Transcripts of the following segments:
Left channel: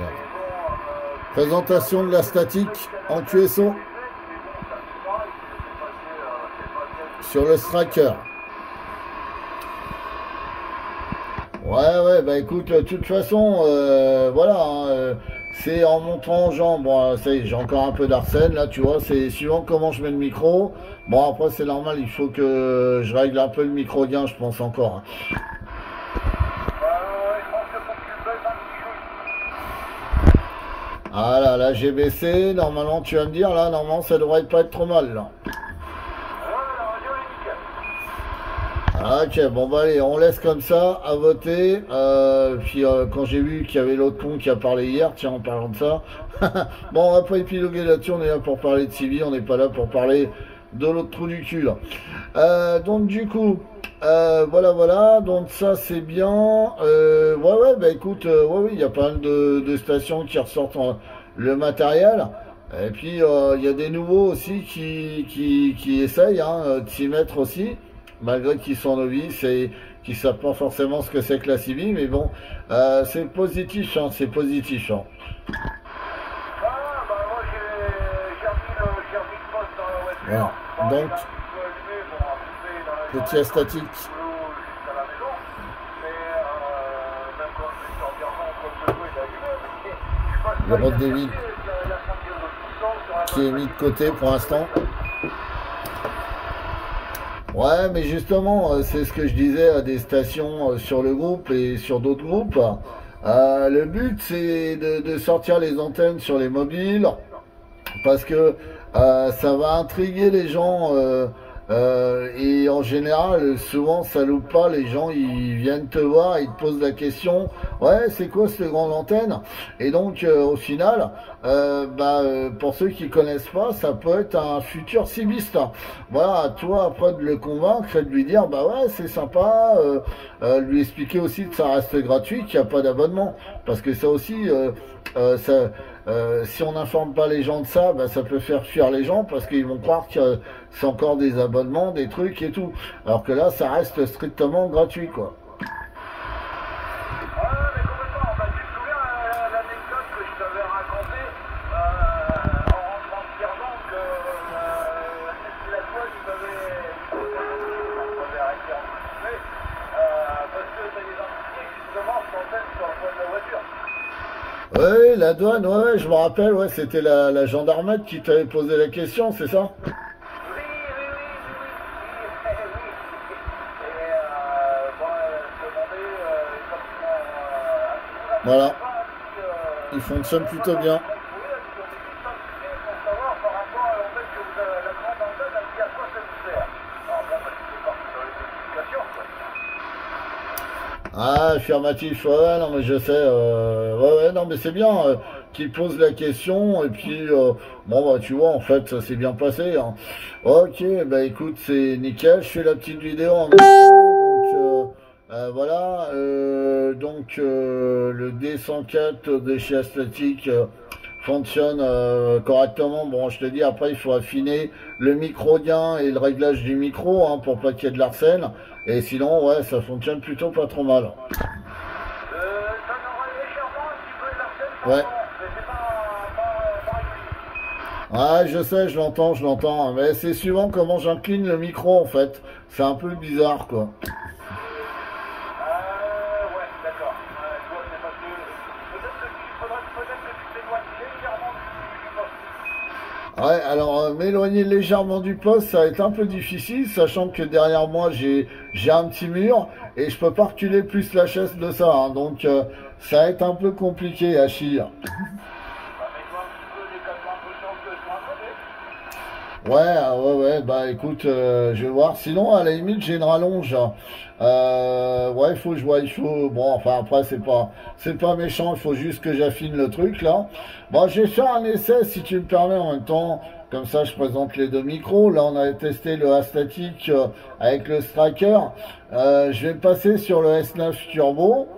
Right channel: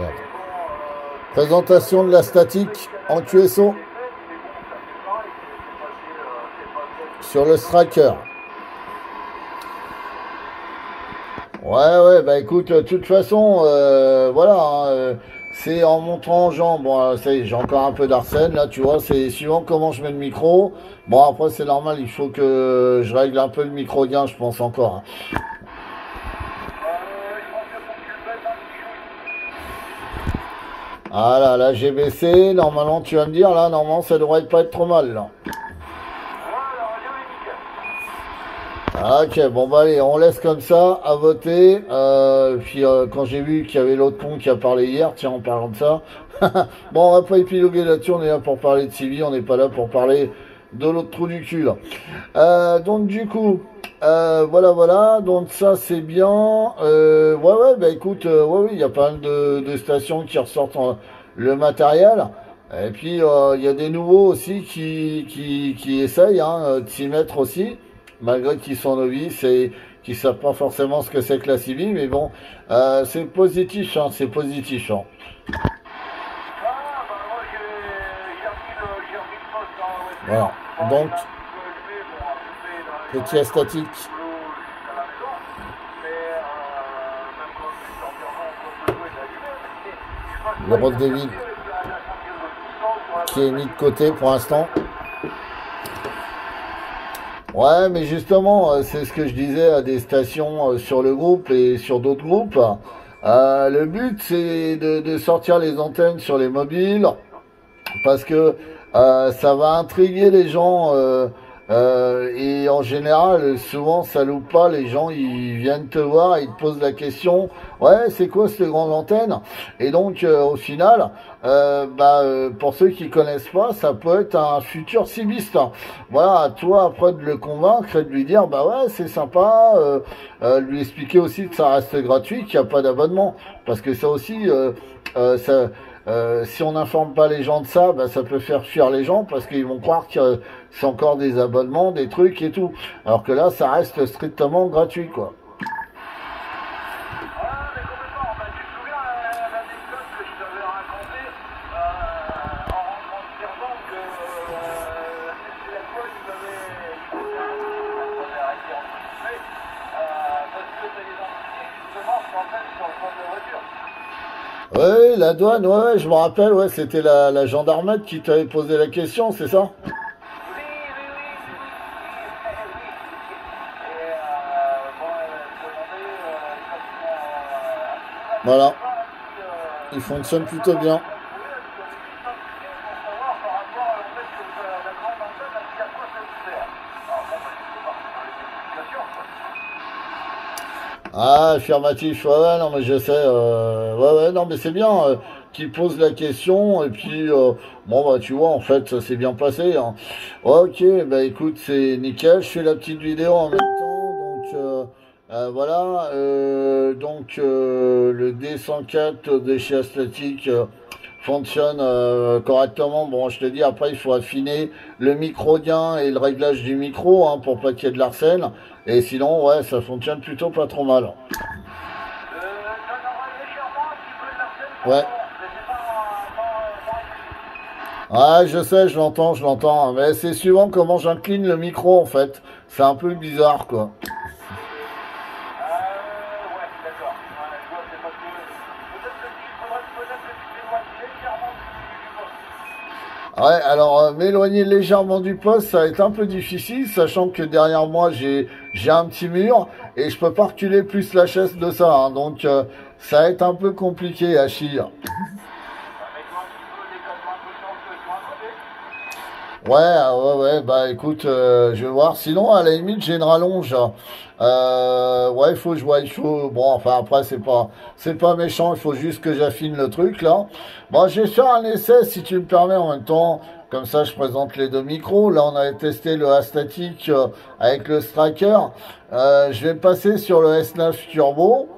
Regarde. Présentation de la statique en QSO sur le Striker. Ouais, bah écoute, de toute façon, voilà, hein, c'est en montrant aux gens, bon, ça y est, j'ai encore un peu d'arsène, là, tu vois, c'est suivant comment je mets le micro. Bon, après, c'est normal, il faut que je règle un peu le micro gain, je pense encore. Hein. Ah là, j'ai baissé, normalement, tu vas me dire, là, normalement, ça devrait pas être trop mal, là. Ok, bon bah allez, on laisse comme ça, à voter. Puis quand j'ai vu qu'il y avait l'autre con qui a parlé hier, tiens, en parlant de ça. Bon, on va pas épiloguer là-dessus, on est là pour parler de Civi, on n'est pas là pour parler de l'autre trou du cul, là. Donc du coup, voilà, donc ça c'est bien. Ouais, bah écoute, ouais, il y a pas mal de stations qui ressortent le matériel. Et puis il y a des nouveaux aussi qui essayent hein, de s'y mettre aussi. Malgré qu'ils sont novices et qu'ils savent pas forcément ce que c'est que la Civi, mais bon, c'est positif, hein, c'est positif. Hein. Voilà, donc, petit statique. Le Rock David qui est mis de côté pour l'instant. Ouais, mais justement, c'est ce que je disais à des stations sur le groupe et sur d'autres groupes. Le but, c'est de sortir les antennes sur les mobiles parce que ça va intriguer les gens et en général, souvent, ça loupe pas. Les gens, ils viennent te voir, ils te posent la question. Ouais, c'est quoi cette grande antenne? Et donc, au final, pour ceux qui connaissent pas, ça peut être un futur cibiste. Voilà, à toi après de le convaincre et de lui dire, bah ouais, c'est sympa. Lui expliquer aussi que ça reste gratuit, qu'il n'y a pas d'abonnement, parce que ça aussi, si on n'informe pas les gens de ça, bah, ça peut faire fuir les gens parce qu'ils vont croire que c'est encore des abonnements, des trucs et tout. Alors que là, ça reste strictement gratuit, quoi. Oui, la douane, ouais, je me rappelle, ouais, c'était la gendarmette qui t'avait posé la question, c'est ça? Voilà, il fonctionne plutôt bien. Ah, affirmatif, ouais, non, mais je sais, ouais, non, mais c'est bien qu'il pose la question, et puis, bon, bah, tu vois, en fait, ça s'est bien passé, hein. Ok, bah, écoute, c'est nickel, je fais la petite vidéo en même temps, donc, voilà, donc, le D104 de chez Astatic fonctionne correctement. Bon, je te dis, après, il faut affiner le micro gain et le réglage du micro, hein, pour pas qu'il y ait de l'arsène. Et sinon, ouais, ça fonctionne plutôt pas trop mal. Ouais. Ah, je sais, je l'entends, hein, mais c'est suivant comment j'incline le micro, en fait. C'est un peu bizarre, quoi. Ouais, alors m'éloigner légèrement du poste, ça va être un peu difficile, sachant que derrière moi j'ai un petit mur et je peux pas reculer plus la chaise de ça, hein, donc ça va être un peu compliqué à chier. Ouais, bah écoute, je vais voir. Sinon, à la limite, j'ai une rallonge. Ouais, il faut jouer, il faut. Bon, enfin après, c'est pas méchant. Il faut juste que j'affine le truc là. Bon, je vais faire un essai si tu me permets en même temps. Comme ça, je présente les deux micros. Là, on avait testé le A-Static avec le Striker. Je vais passer sur le S9 Turbo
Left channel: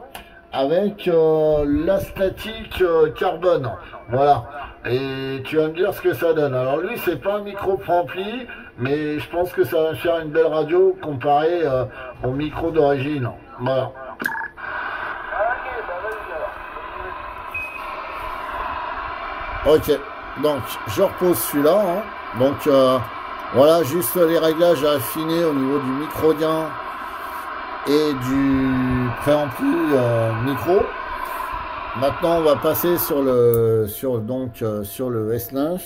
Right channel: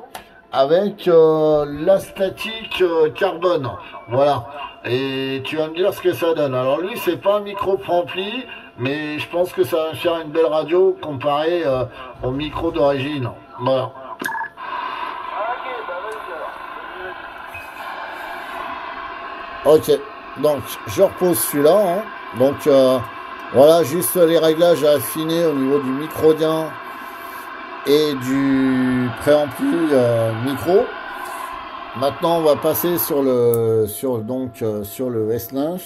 avec l'A-Static Carbone. Voilà. Et tu vas me dire ce que ça donne. Alors lui, c'est pas un micro préampli, mais je pense que ça va faire une belle radio comparé au micro d'origine. Voilà. Ok, donc je repose celui-là. Hein. Donc voilà, juste les réglages à affiner au niveau du microdien et du préampli micro. Maintenant, on va passer sur le sur le S9.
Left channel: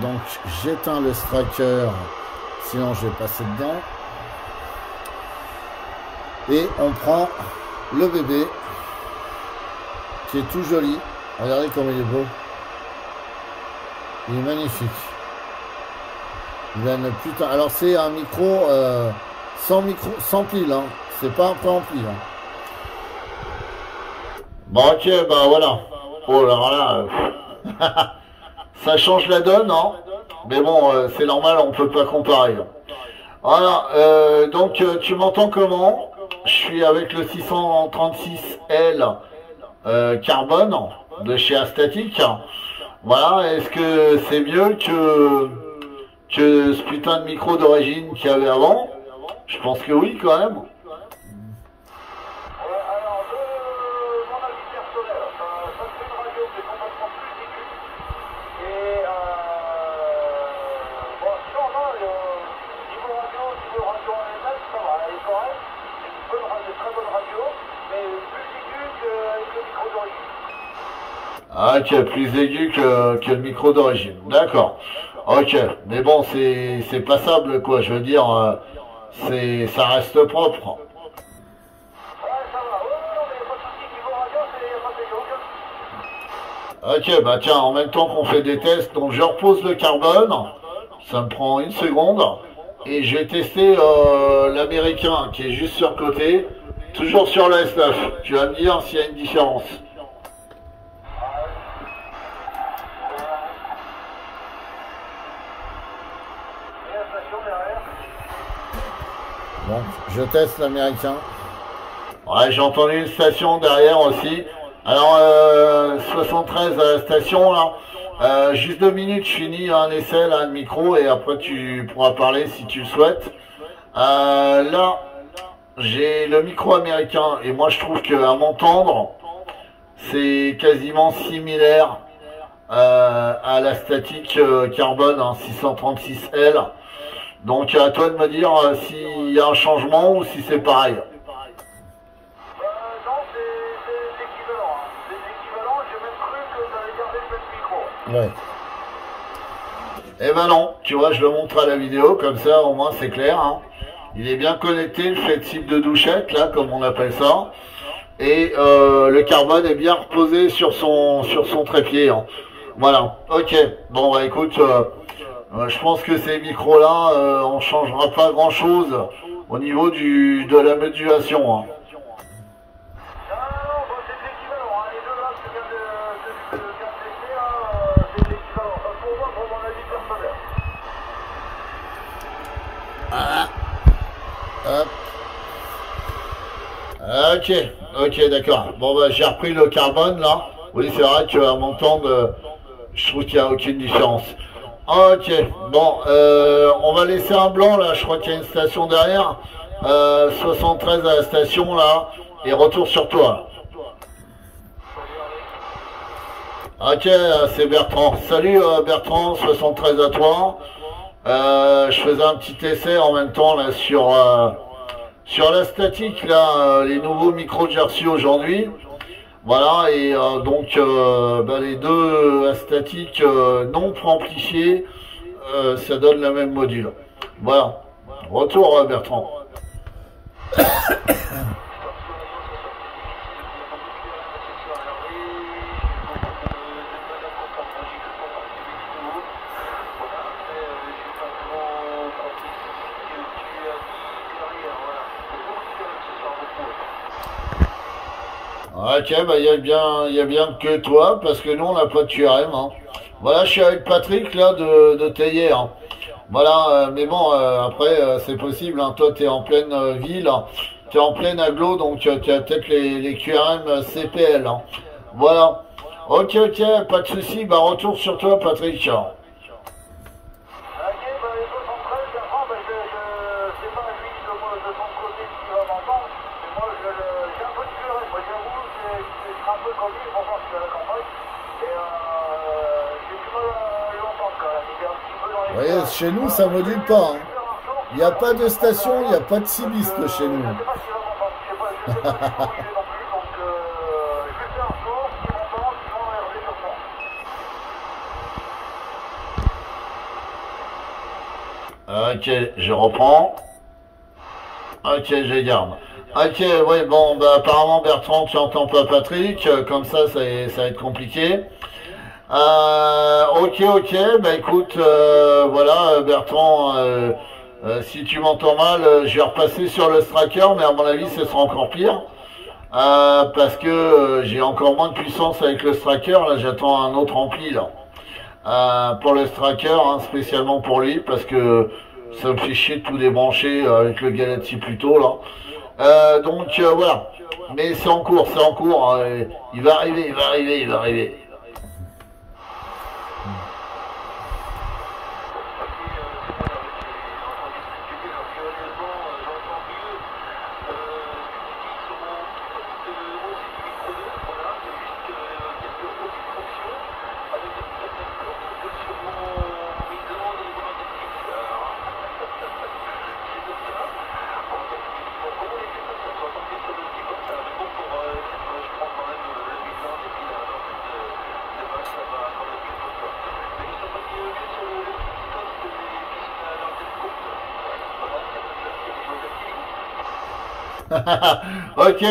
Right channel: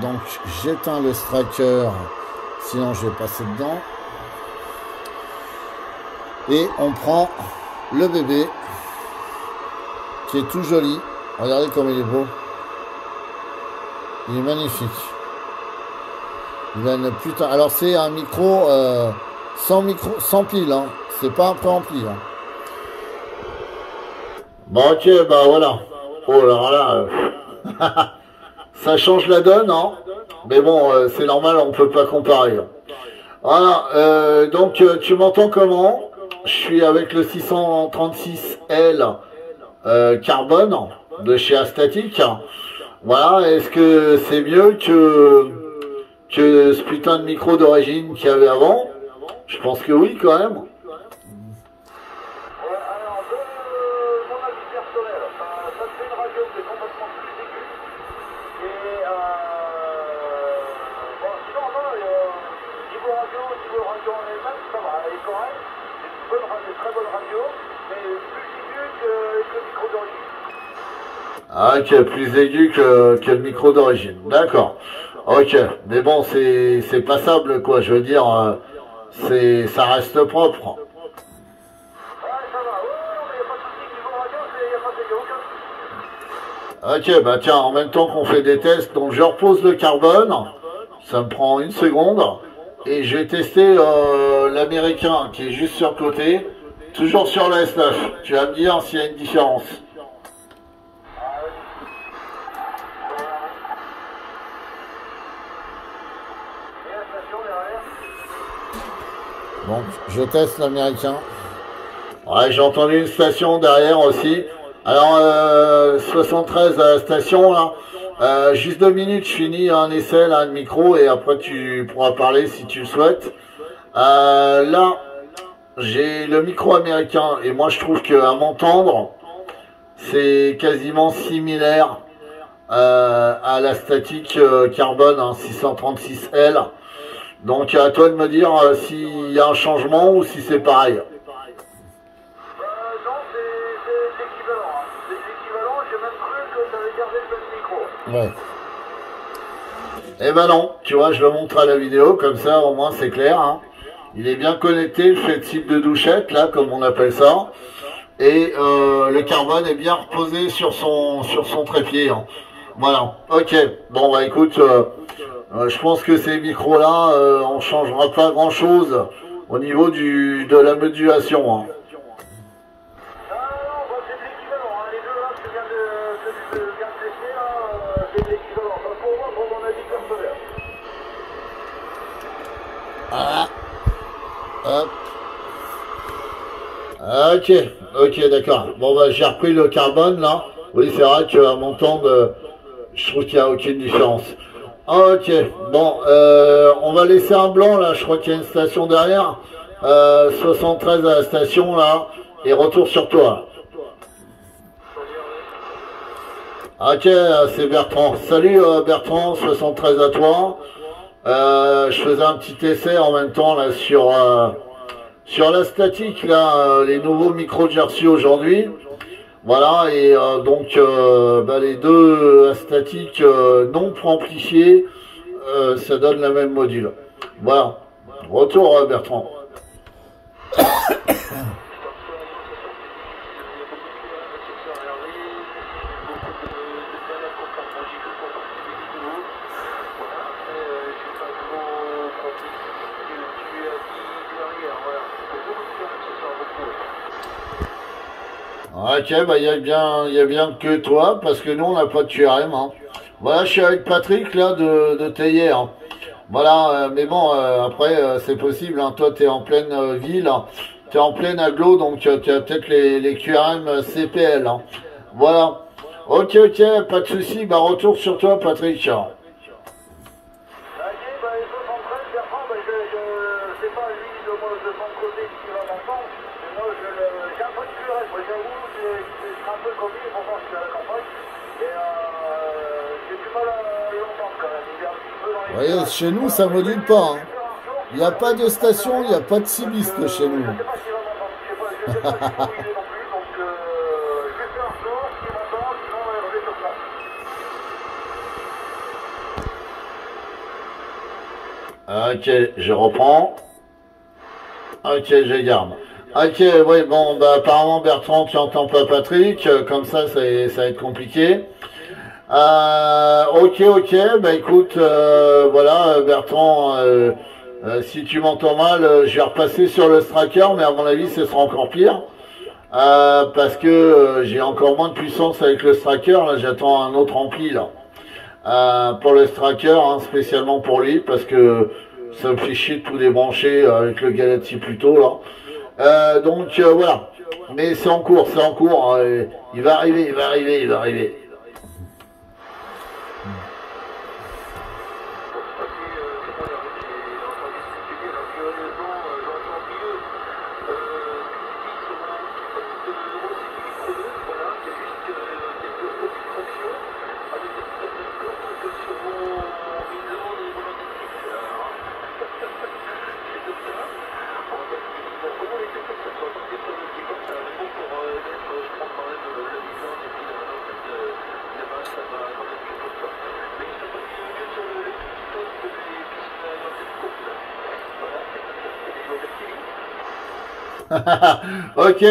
Donc j'éteins le striker, sinon je vais passer dedans. Et on prend le bébé qui est tout joli. Regardez comme il est beau. Il est magnifique. Il a une putain. Alors c'est un micro sans pile, hein. C'est pas un préampli. Hein. Bon ok, bah voilà. Oh là là. Ça change la donne, hein. Mais bon, c'est normal, on peut pas comparer. Voilà. Donc tu m'entends comment? Je suis avec le 636L carbone de chez Astatic. Voilà, est-ce que c'est mieux que ce putain de micro d'origine qu'il y avait avant? Je pense que oui quand même. Ah, ok, plus aigu que le micro d'origine. D'accord. Ok. Mais bon, c'est passable, quoi. Je veux dire, ça reste propre. Ok, bah tiens, en même temps qu'on fait des tests, donc je repose le carbone. Ça me prend une seconde. Et j'ai testé l'américain qui est juste sur le côté. Toujours sur le S9. Tu vas me dire s'il y a une différence. Donc, je teste l'américain. Ouais, j'ai entendu une station derrière aussi. Alors, 73 à la station, là. Juste 2 minutes, je finis un essai, là, de micro, et après tu pourras parler si tu le souhaites. Là, j'ai le micro américain, et moi je trouve qu'à m'entendre, c'est quasiment similaire à la statique carbone, hein, 636L. Donc à toi de me dire s'il y a un changement ou si c'est pareil. Non, c'est équivalent. Hein. C'est équivalent, j'ai même cru que tu avais gardé le même micro. Ouais. Eh ben non, tu vois, je le montre à la vidéo, comme ça au moins c'est clair. Hein. Il est bien connecté, le fait type de douchette, là, comme on appelle ça. Et le carbone est bien reposé sur son trépied. Hein. Voilà, ok. Bon bah écoute... je pense que ces micros-là, on changera pas grand-chose au niveau de la modulation. Hein. Ah, hop. Ok, d'accord. Bon, bah, j'ai repris le carbone, là. Oui, c'est vrai qu'à m'entendre, je trouve qu'il n'y a aucune différence. Ok, bon, on va laisser un blanc là, je crois qu'il y a une station derrière, 73 à la station là, et retour sur toi. Ok, c'est Bertrand. Salut Bertrand, 73 à toi. Je faisais un petit essai en même temps là sur la statique là, les nouveaux micros de Jersey aujourd'hui. Voilà, et donc bah, les deux statiques non préamplifiées, ça donne la même module. Voilà, retour Bertrand. Ok, bah il y a bien que toi, parce que nous on n'a pas de QRM. Hein. Voilà, je suis avec Patrick là de Thayer. Hein. Voilà, mais bon, après c'est possible. Hein. Toi t'es en pleine ville, t'es en pleine agglo, donc tu as peut-être les QRM CPL. Hein. Voilà. Ok, pas de souci. Bah retour sur toi, Patrick. Vous voyez, chez nous, ça module pas. Hein. Il n'y a pas de station, il n'y a pas de cibiste chez nous. Ok, je reprends. Ok, je garde. Ok, oui, bon, bah, apparemment Bertrand, tu n'entends pas Patrick, comme ça va être compliqué. Ok, bah écoute, voilà, Bertrand, si tu m'entends mal, je vais repasser sur le Stracker, mais à mon avis, ce sera encore pire. Parce que j'ai encore moins de puissance avec le Stracker, là j'attends un autre ampli là. Pour le Stracker, hein, spécialement pour lui, parce que ça me fait chier de tout débrancher avec le Galaxy Pluto là. Donc voilà. Mais c'est en cours, il va arriver. Ok,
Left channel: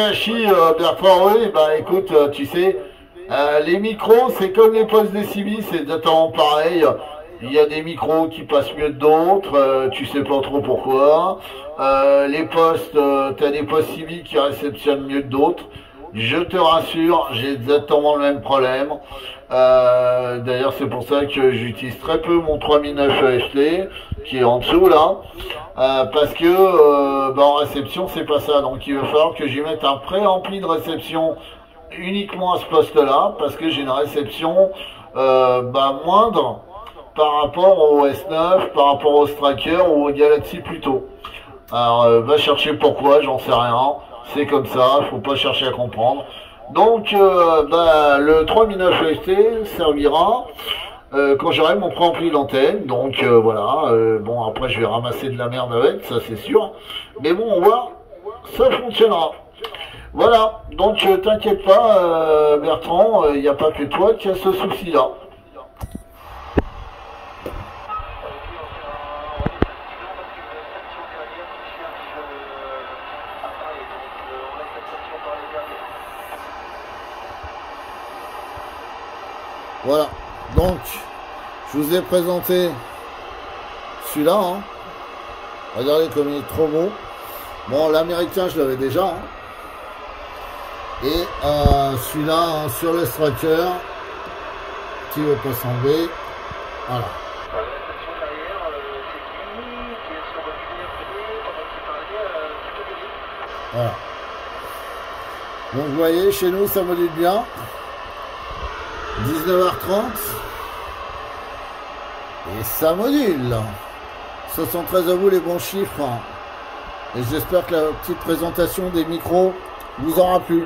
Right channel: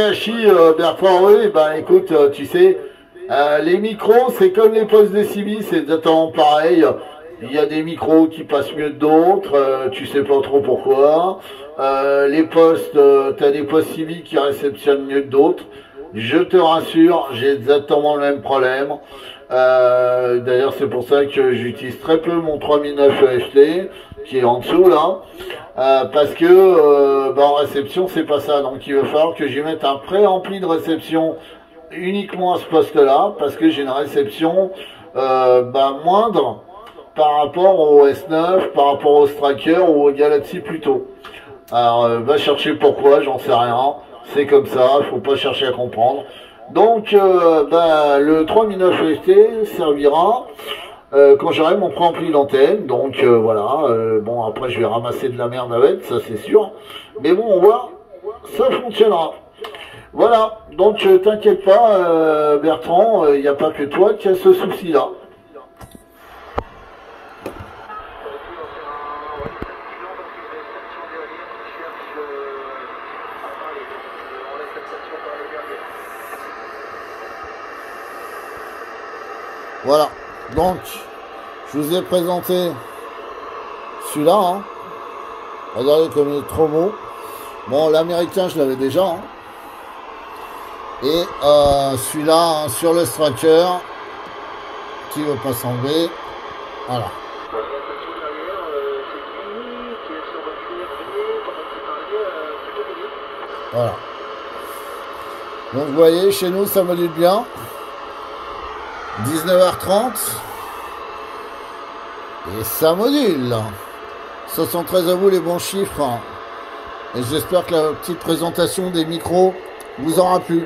Bertrand, oui, bah écoute, tu sais, les micros, c'est comme les postes de CB, c'est exactement pareil. Il y a des micros qui passent mieux que d'autres, tu sais pas trop pourquoi. Les postes, t'as des postes CB qui réceptionnent mieux que d'autres. Je te rassure, j'ai exactement le même problème. D'ailleurs, c'est pour ça que j'utilise très peu mon 3009 EFT, qui est en dessous là. Parce que en réception c'est pas ça, donc il va falloir que j'y mette un pré-ampli de réception uniquement à ce poste là, parce que j'ai une réception moindre par rapport au S9, par rapport au Stracker ou au Galaxy Pluto. Alors va chercher pourquoi, j'en sais rien, c'est comme ça, faut pas chercher à comprendre. Donc le 3009 EFT servira quand j'aurai mon pré-ampli d'antenne, donc voilà, bon après je vais ramasser de la merde avec, ça c'est sûr, mais bon on voit, ça fonctionnera. Voilà, donc t'inquiète pas Bertrand, il n'y a pas que toi qui a ce souci là. Voilà, donc je vous ai présenté celui-là, hein. Regardez comme il est trop beau. Bon, l'américain je l'avais déjà, hein. Et celui-là, hein, sur le Stracker, qui ne veut pas s'enlever, voilà. Voilà. Donc vous voyez, chez nous ça module bien. 19h30 et ça module. 73 à vous les bons chiffres, et j'espère que la petite présentation des micros vous aura plu.